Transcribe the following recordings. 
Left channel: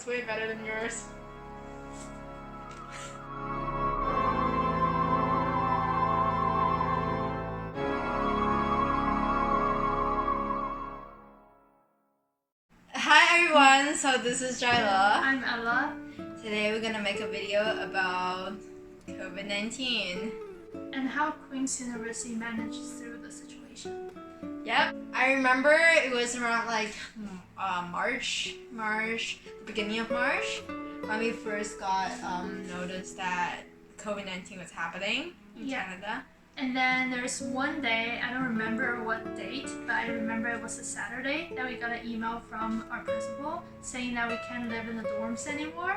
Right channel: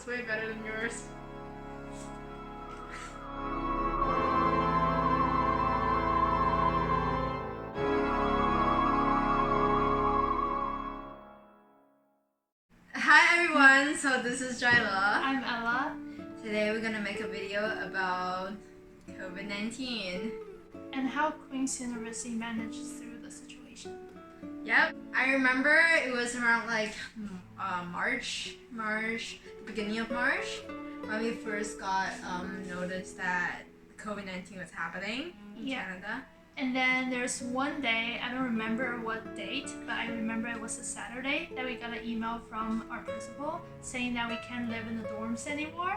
It's way better than yours. Hi everyone, so this is Jiale. I'm Ella. Today we're gonna make a video about COVID-19. And how Queen's University managed through the situation. Yep, I remember it was around like March, beginning of March, when we first got noticed that COVID-19 was happening in Canada. And then there's one day, I don't remember what date, but I remember it was a Saturday that we got an email from our principal saying that we can't live in the dorms anymore.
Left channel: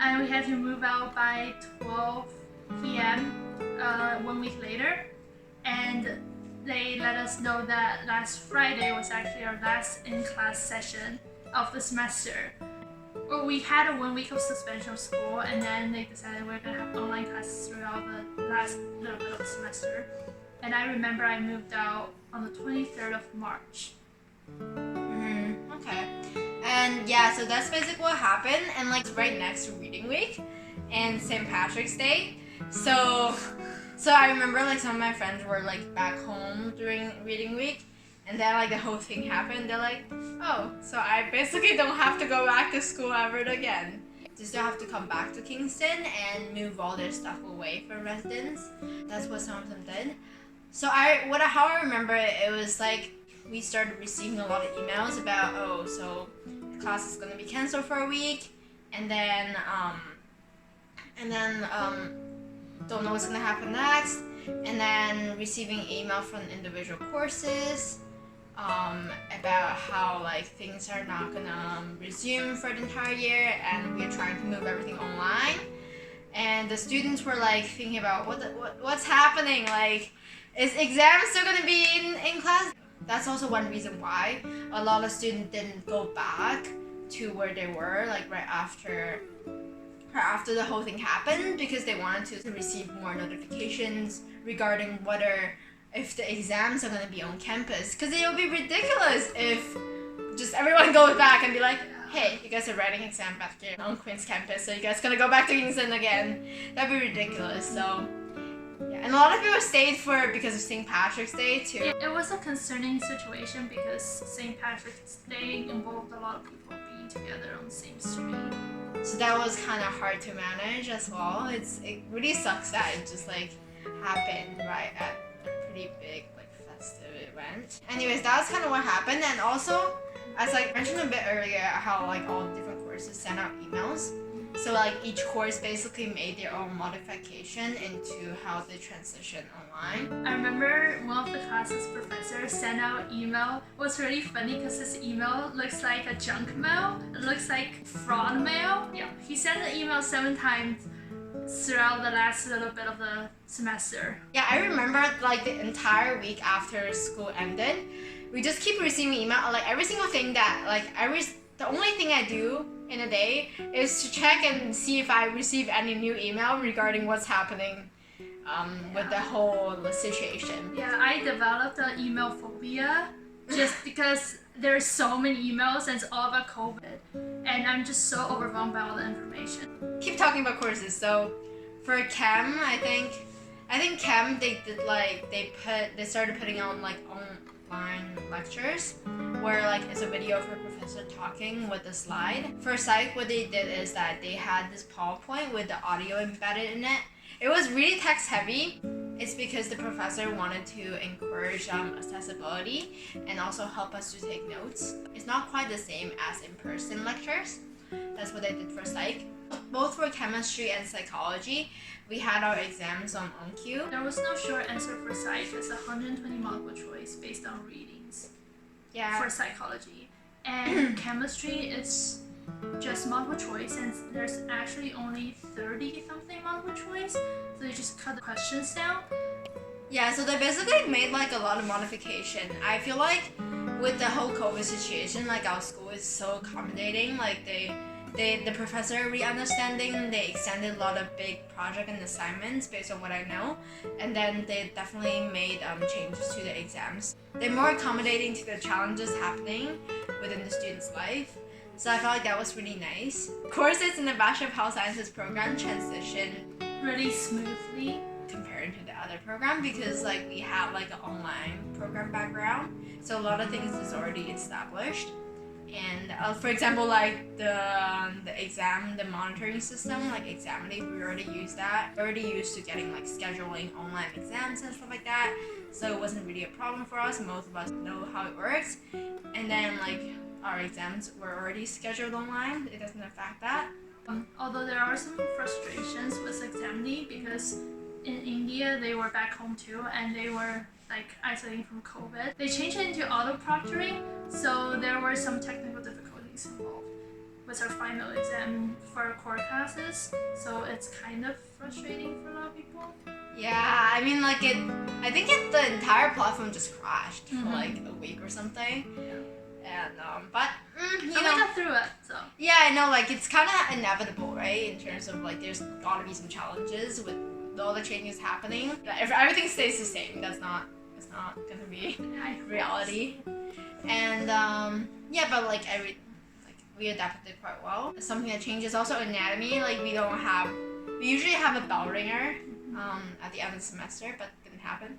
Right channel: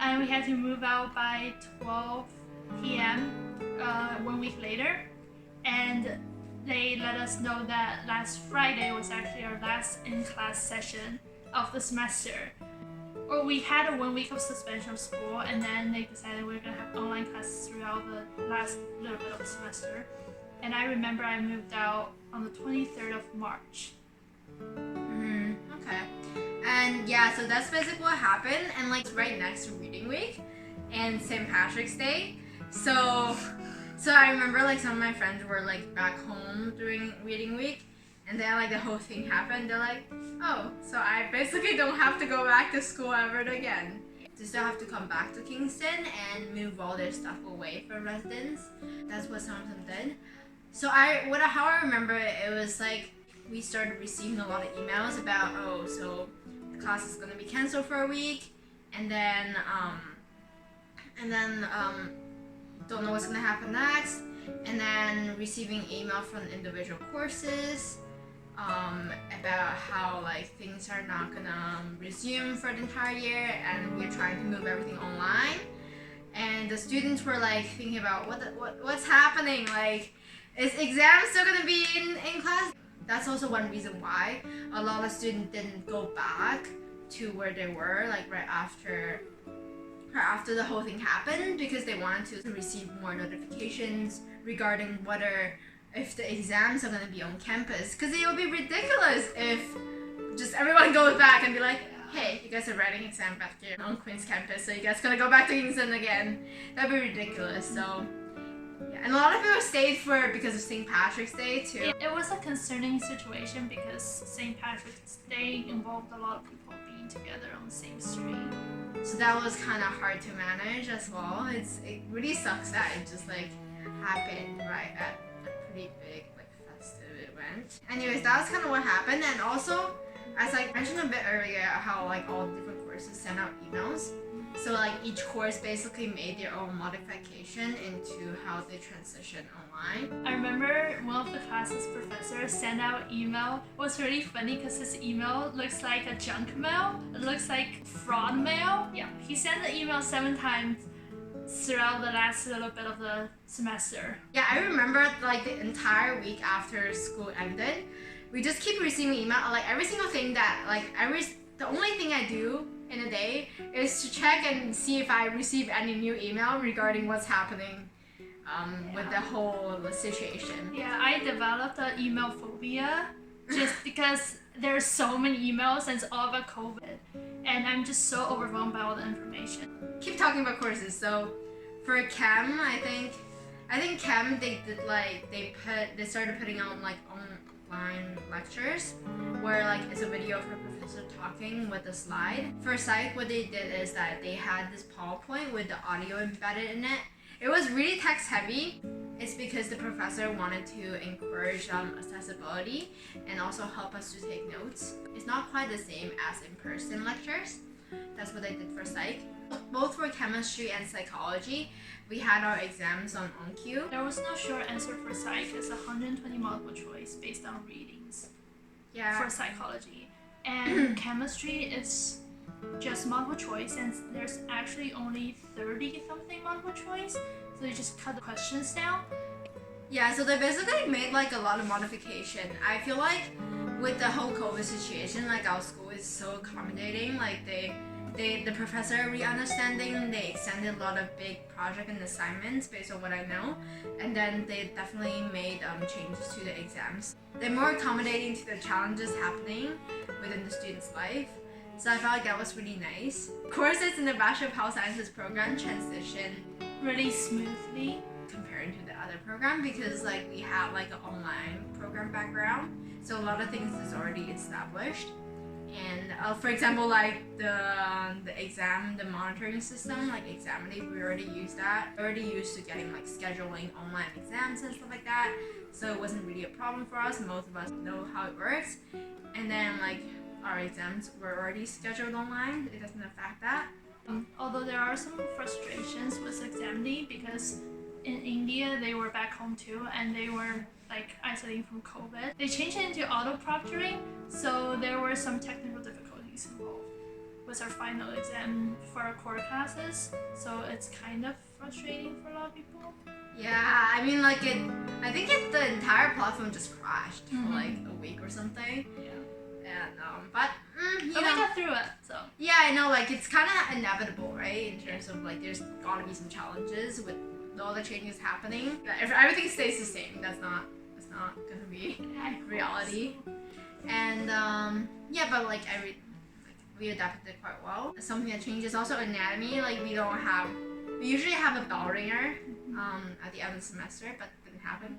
And we had to move out by 12 p.m. 1 week later. And they let us know that last Friday was actually our last in-class session of the semester. Or we had a 1 week of suspension of school, and then they decided we're gonna have online classes throughout the last little bit of the semester. And I remember I moved out on the 23rd of March. Okay. And yeah, so that's basically what happened. And like right next to Reading Week and St. Patrick's Day. So I remember like some of my friends were like back home during Reading Week, and then like the whole thing happened. They're like, oh, so I basically don't have to go back to school ever again. They still have to come back to Kingston and move all their stuff away from residents. That's what some of them did. So how I remember it, it was like we started receiving a lot of emails about, oh, so the class is gonna be canceled for a week, and then don't know what's gonna happen next, and then receiving email from individual courses about how like things are not gonna resume for the entire year, and we're trying to move everything online. And the students were like thinking about what's happening, like is exams still gonna be in class? That's also one reason why a lot of students didn't go back to where they were like right after the whole thing happened, because they wanted to receive more notifications regarding if the exams are going to be on campus, because it will be ridiculous if just everyone goes back and be like, hey, you guys are writing exam back here on Queen's campus, so you guys gonna go back to Kingston again. That'd be ridiculous. So yeah, and a lot of people stayed because of St. Patrick's Day too. It was a concerning situation because St. Patrick's Day involved a lot of people being together on the same street. So that was kind of hard to manage as well. It really sucks that it just like happened right at a pretty big like festive event. Anyways, that was kind of what happened. And also, as I mentioned a bit earlier, how like all different courses sent out emails. So like each course basically made their own modification into how they transition online. I remember one of the classes professors sent out email. It was really funny because his email looks like a junk mail. It looks like fraud mail. Yeah, he sent the email 7 times throughout the last little bit of the semester. Yeah, I remember like the entire week after school ended, we just keep receiving email. Like every single thing that the only thing I do in a day is to check and see if I receive any new email regarding what's happening with the whole situation. Yeah, I developed an email phobia just because there's so many emails and it's all about COVID, and I'm just so overwhelmed by all the information. Keep talking about courses. So for Chem, I think Chem they started putting out like online lectures where like it's a video of a professor talking with a slide. For Psych, what they did is that they had this PowerPoint with the audio embedded in it. It was really text heavy. It's because the professor wanted to encourage accessibility and also help us to take notes. It's not quite the same as in-person lectures. That's what they did for Psych. Both for chemistry and psychology, we had our exams on cue. There was no short answer for Psych. It's 120 multiple choice based on readings. Yeah. For psychology. And chemistry is just multiple choice, and there's actually only 30 something multiple choice, so you just cut the questions down. Yeah, so they basically made like a lot of modification. I feel like with the whole COVID situation, like our school is so accommodating. Like the professor re-understanding, they extended a lot of big project and assignments based on what I know, and then they definitely made changes to the exams. They're more accommodating to the challenges happening within the student's life. So I felt like that was really nice. Courses in the Bachelor of Health Sciences program transition Really smoothly. compared to the other program because like we have like an online program background, so a lot of things is already established. And for example, like the exam, the monitoring system, like Examinate, we already use that. We're already used to getting like scheduling online exams and stuff like that, so it wasn't really a problem for us. Most of us know how it works. And then like our exams were already scheduled online. It doesn't affect that. Although there are some frustrations with Examine because in India they were back home too and they were like isolating from COVID. They changed it into auto proctoring, so there were some technical difficulties involved with our final exam for our core classes. So it's kind of frustrating for a lot of people. Yeah, I mean like I think the entire platform just crashed for like a week or something. And but you But we know, got through it, so. yeah, I know, like it's kind of inevitable, right? In terms of like there's gotta be some challenges with all the changes happening. If everything stays the same, that's not gonna be reality. And yeah, but like we adapted it quite well. Something that changes also anatomy. Like we usually have a bell ringer at the end of the semester, but it didn't happen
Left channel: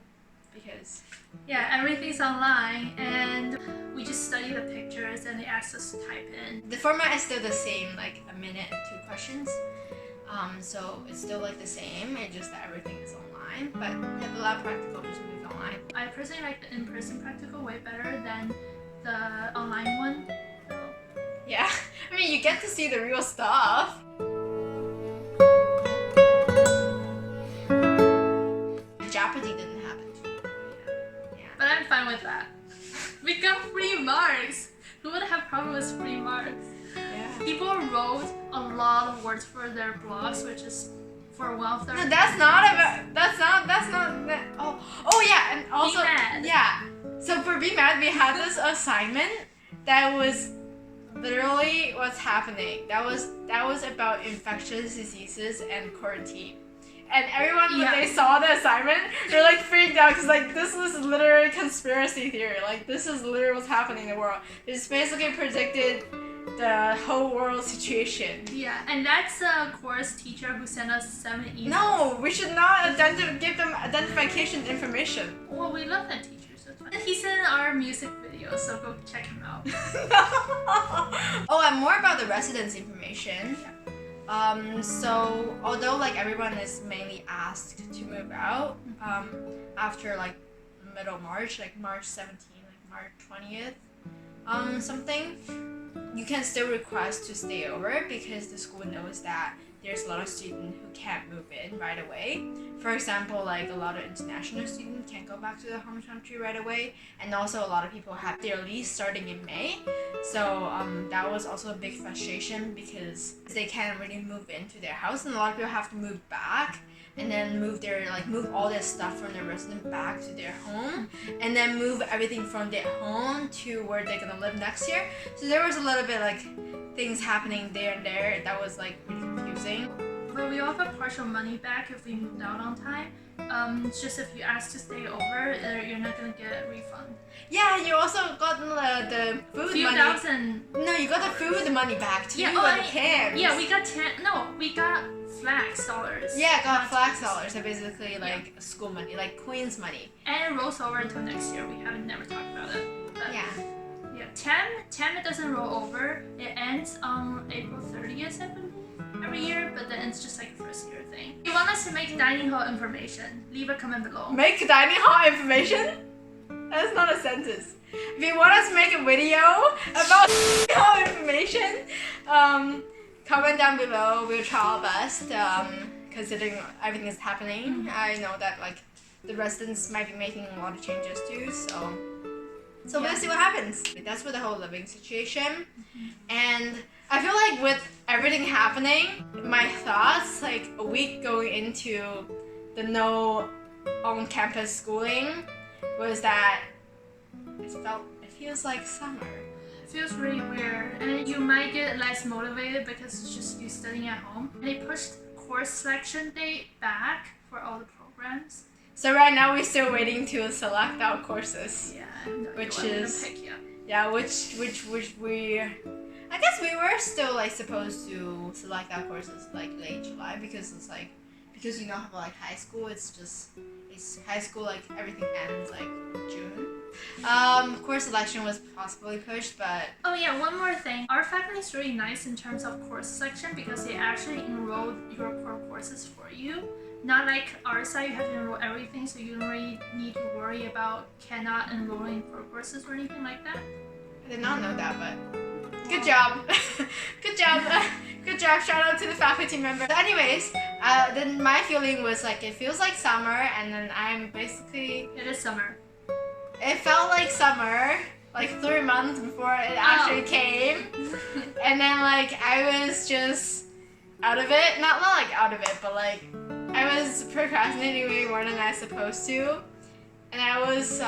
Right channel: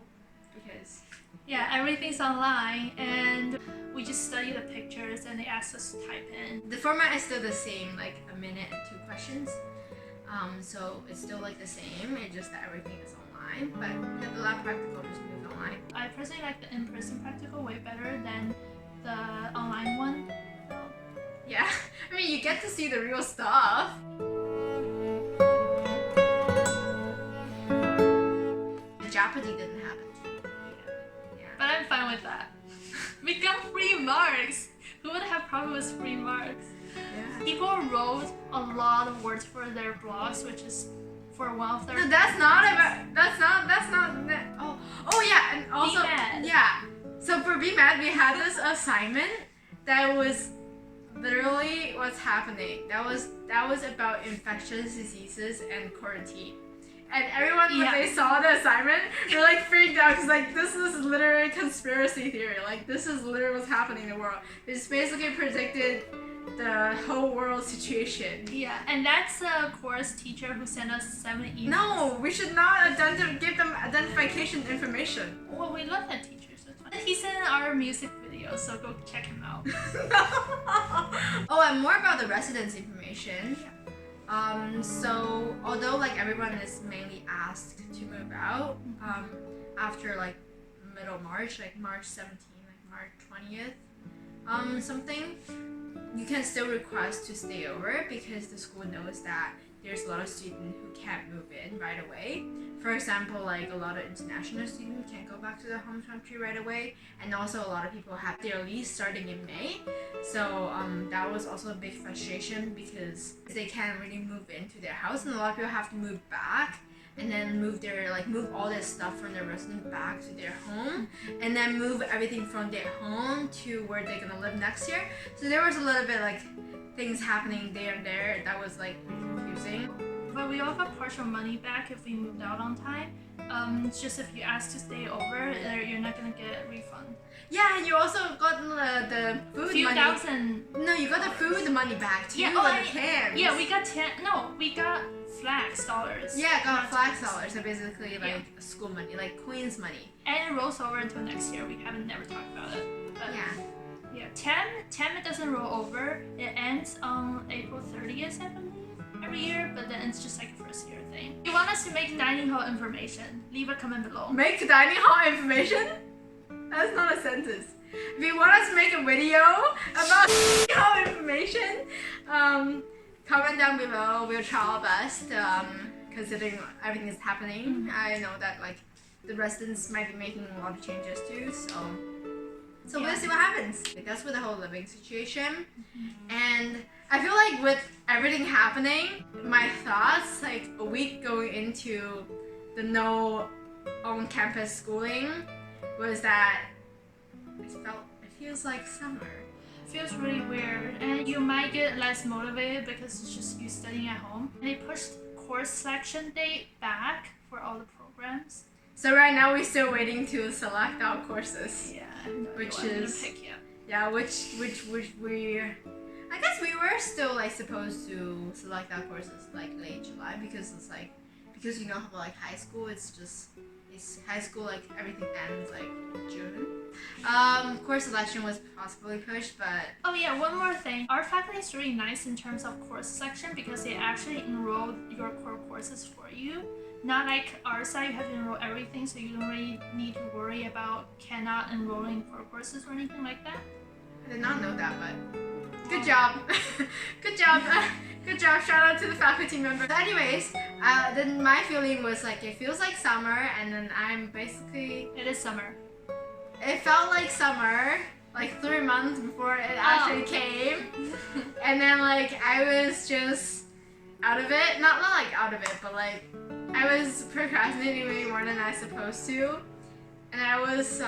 because Yeah, everything's online and we just study the pictures and they asked us to type in. the format is still the same, like a minute and 2 questions. So it's still like the same, it's just that everything is online. But yeah, the lab practical just moved online. I personally like the in-person practical way better than the online one. Yeah, I mean you get to see the real stuff. The Jeopardy didn't happen. But I'm fine with that. We got free marks. Who would have problem with free marks? Yeah. People wrote a lot of words for their blogs, which is for one of their. No, that's not. Oh yeah, and also BMAD. yeah. So for BMAD, we had this assignment that was literally what's happening. That was about infectious diseases and quarantine. And everyone, when they saw the assignment, they're like freaked out because like this is literally conspiracy theory. Like this is literally what's happening in the world. It just basically predicted the whole world situation. Yeah, and that's a course teacher who sent us 7 emails. No, we should not give them identification information. Well, we love that teacher so much. And he's in our music video, so go check him out. Oh, and more about the residence information. So although like everyone is mainly asked to move out after like middle March, like March 17th, like March 20th, something, you can still request to stay over because the school knows that there's a lot of students who can't move in right away. For example, like a lot of international students can't go back to their home country right away, and also a lot of people have their lease starting in May. So that was also a big frustration because they can't really move into their house, and a lot of people have to move back and then move all their stuff from their residence back to their home, and then move everything from their home to where they're gonna live next year. So there was a little bit like things happening there and there that was like really confusing. But we offer partial money back if we moved out on time. It's just if you ask to stay over, you're not gonna get a refund. Yeah, you also got the food Few money. thousand. No, you got the food money back too. Yeah, the camps. Yeah, we got we got flax dollars. Yeah, got not flax tens. dollars. So basically like school money, like Queen's money. And it rolls over until next year. We haven't never talked about it. But Yeah. Yeah, TEM it doesn't roll over. It ends on April 30th, I believe, every year. But then it's just like a first year thing. If you want us to make dining hall information, leave a comment below. Make dining hall information? That's not a sentence. If you want us to make a video about dining hall information, comment down below. We'll try our best. Considering everything is happening, I know that like the residents might be making a lot of changes too. So we'll see what happens. That's with the whole living situation. And I feel like with everything happening, my thoughts like a week going into the no on-campus schooling was that it feels like summer. It feels really weird, and you might get less motivated because it's just you studying at home. They pushed course selection date back for all the programs. So right now we're still waiting to select our courses. Yeah, Which is- pick yet. Yeah, which we. I guess we were still like supposed to select our courses like late July because it's like because you know how like high school it's high school like everything ends like June. Course selection was possibly pushed, but Oh yeah, one more thing. Our faculty is really nice in terms of course selection because they actually enrolled your core courses for you. Not like our side, you have to enroll everything, so you don't really need to worry about cannot enrolling core courses or anything like that. I did not know that, but good job. Good job. Good job. Shout out to the faculty member. So anyways, then my feeling was like it feels like summer, and then I'm basically It is summer. it felt like summer like 3 months before it actually came, and then like I was just out of it. Not like out of it, but like I was procrastinating way more than I was supposed to, and I was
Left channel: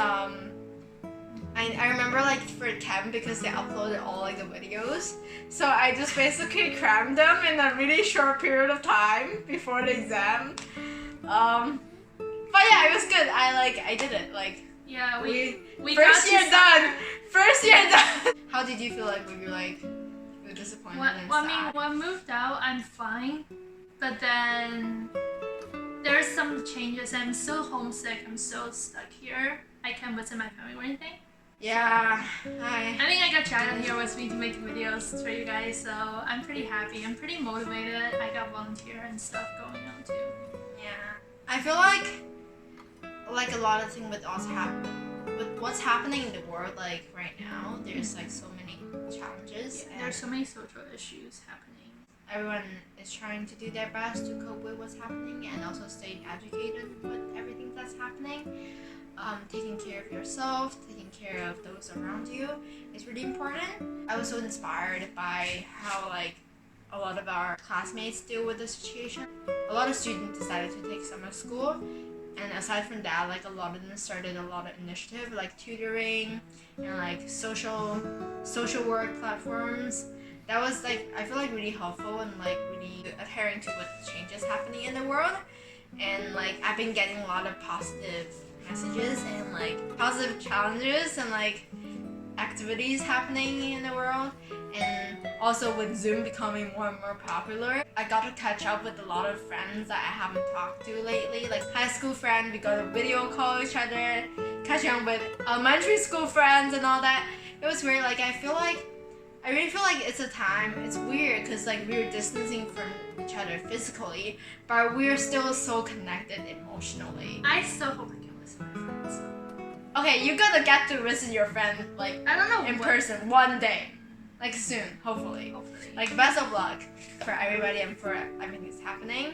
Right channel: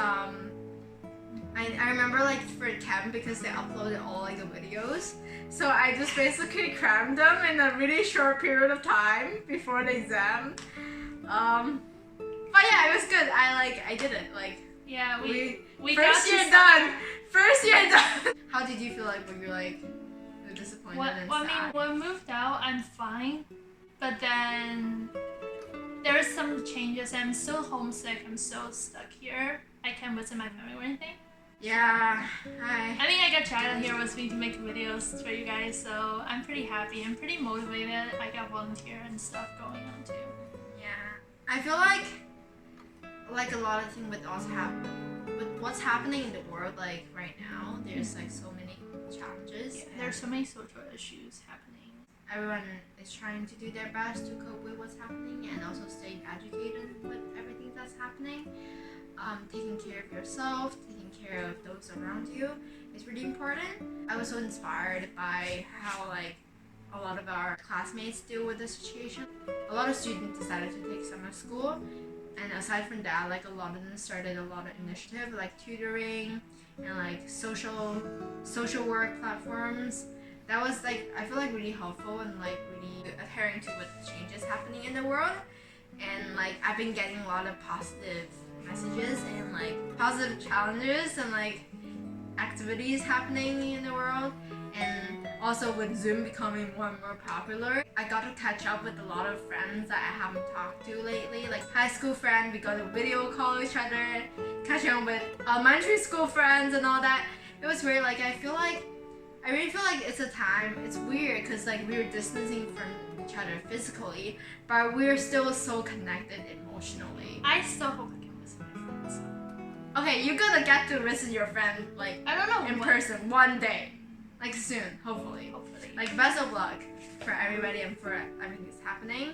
I remember like for camp because they uploaded all like the videos, so I just basically crammed them in a really short period of time before the exam. But yeah, it was good. I did it. Like Yeah, we first got year to done. First year done. How did you feel like when you're like you were disappointed and Well, I sad? mean, when I moved out, I'm fine, but then there's some changes. I'm still homesick. I'm still stuck here. I can't visit my family or anything. Yeah. I think I got Jiale here with me to make videos for you guys, so I'm pretty happy. I'm pretty motivated. I got volunteer and stuff going on too. Yeah. I feel like a lot of things with what's happening in the world like right now, there's like so many challenges. Yeah, there's so many social issues happening. Everyone is trying to do their best to cope with what's happening and also stay educated with everything that's happening. Taking care of yourself, taking care of those around you is really important. I was so inspired by how like a lot of our classmates deal with the situation. A lot of students decided to take summer school, and aside from that, like a lot of them started a lot of initiative like tutoring and like social work platforms. That was like I feel like really helpful and like really adhering to what changes happening in the world. And like I've been getting a lot of positive messages and like positive challenges and like activities happening in the world, and also with Zoom becoming more and more popular, I got to catch up with a lot of friends that I haven't talked to lately, like high school friends. We got to video call each other, catching up with elementary school friends and all that. It was weird. Like I really feel like it's a time. It's weird because like we're distancing from each other physically, but we're still so connected emotionally. I still hope I can visit my friends. Okay, you're gonna get to visit your friend like I don't know in when. person one day, like soon, hopefully. Hopefully. Like best of luck for everybody and for everything that's happening.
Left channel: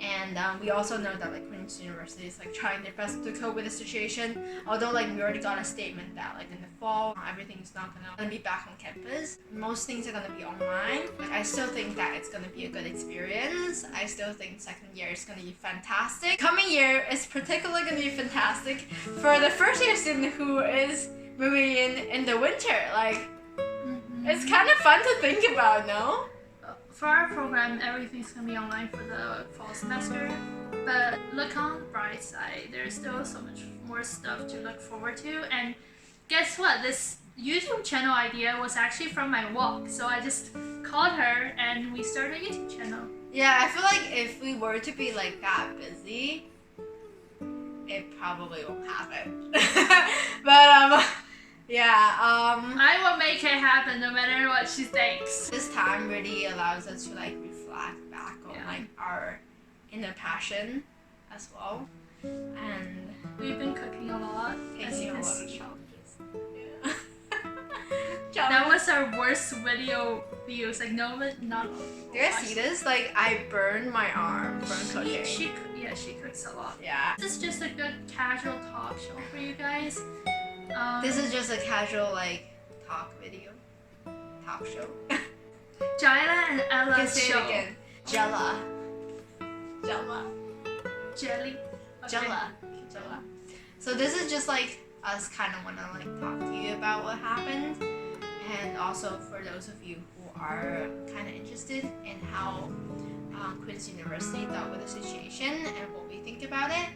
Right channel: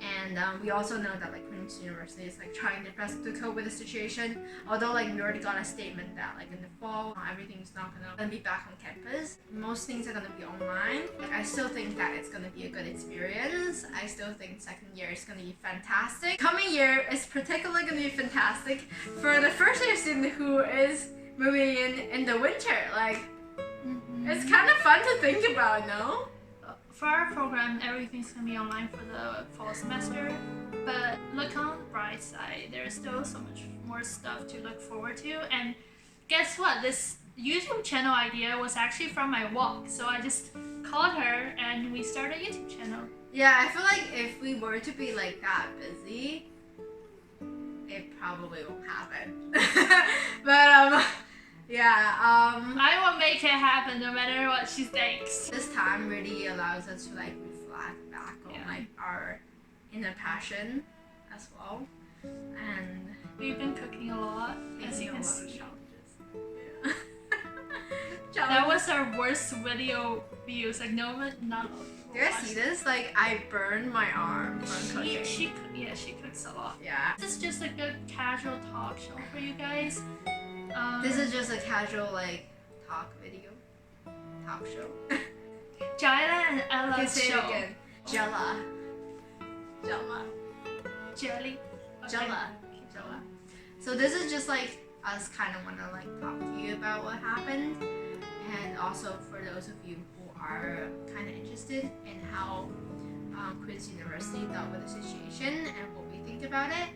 And we also know that like Queen's University is like trying their best to cope with the situation. Although like we already got a statement that like in the fall everything's not gonna be back on campus. Most things are gonna be online. Like, I still think that it's gonna be a good experience. I still think second year is gonna be fantastic. Coming year is particularly gonna be fantastic for the first year student who is moving in the winter. Like it's kind of fun to think about, no? For our program, everything's gonna be online for the fall semester. But look on the bright side, there's still so much more stuff to look forward to. And guess what? This YouTube channel idea was actually from my walk. So I just called her and we started a YouTube channel. Yeah, I feel like if we were to be like that busy, it probably won't happen. But I will make it happen no matter what she thinks. this time really allows us to like reflect back on like our inner passion as well, and We've been cooking a lot. As facing you a can lot of see. challenges. That was our worst video views. Like no one, not a lot of people Do you guys watched see it. this? Like I burned my arm from cooking. She cooks a lot. Yeah. This is just a good casual talk show for you guys. This is just a casual like talk show. Jiale and You can Ella's say it show. again. Jella. Jelly. Okay. Jella. So this is just like us kind of want to like talk to you about what happened, and also for those of you who are kind of interested in how Queen's University dealt with the situation and what we think about it.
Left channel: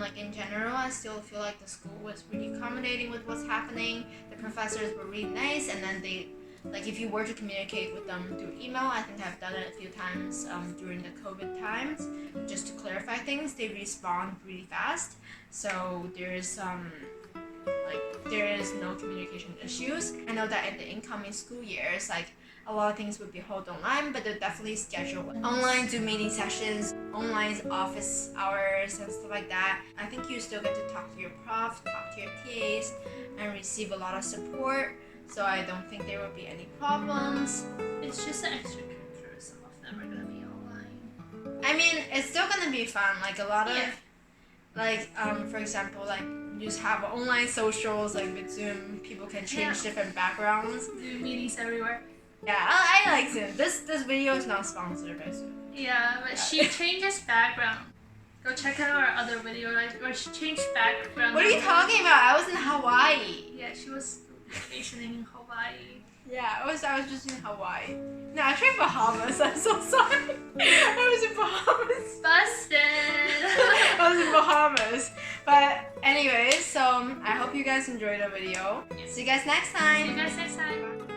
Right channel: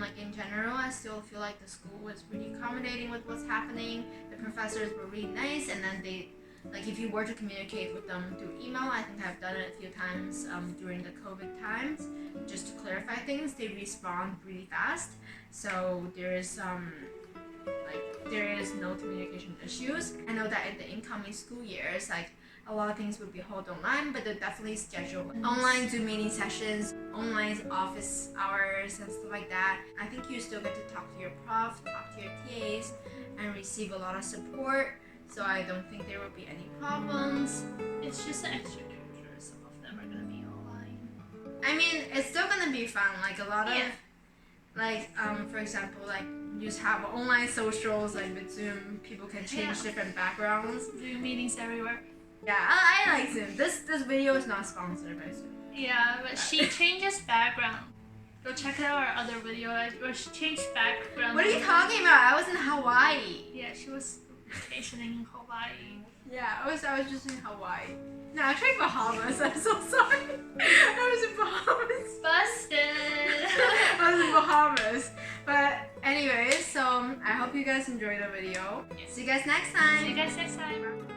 Like in general, I still feel like the school was really accommodating with what's happening. The professors were really nice, and then they Like if you were to communicate with them through email, I think I've done it a few times during the COVID times, just to clarify things, they respond really fast. So there is no communication issues. I know that in the incoming school years, like a lot of things would be held online, but they'll definitely schedule online Zoom meeting sessions, online office hours and stuff like that. I think you still get to talk to your profs, talk to your PAs, and receive a lot of support. So I don't think there will be any problems. It's just the extracurriculars. Some of them are gonna be online. I mean, it's still gonna be fun. Like a lot of, for example, like you just have online socials, like with Zoom, people can change different backgrounds. Zoom meetings everywhere. Yeah, I like Zoom. This video is not sponsored by Zoom. Yeah, but she changes background. Go check out our other video where she changed background. What are you talking about? I was in Hawaii. Yeah, she was vacationing in Hawaii. Yeah, I was just in Hawaii. No, actually Bahamas. I'm so sorry. I was in Bahamas. Busted! I was in Bahamas. But anyways, so I hope you guys enjoyed the video. Yeah. See you guys next time. See you guys next time.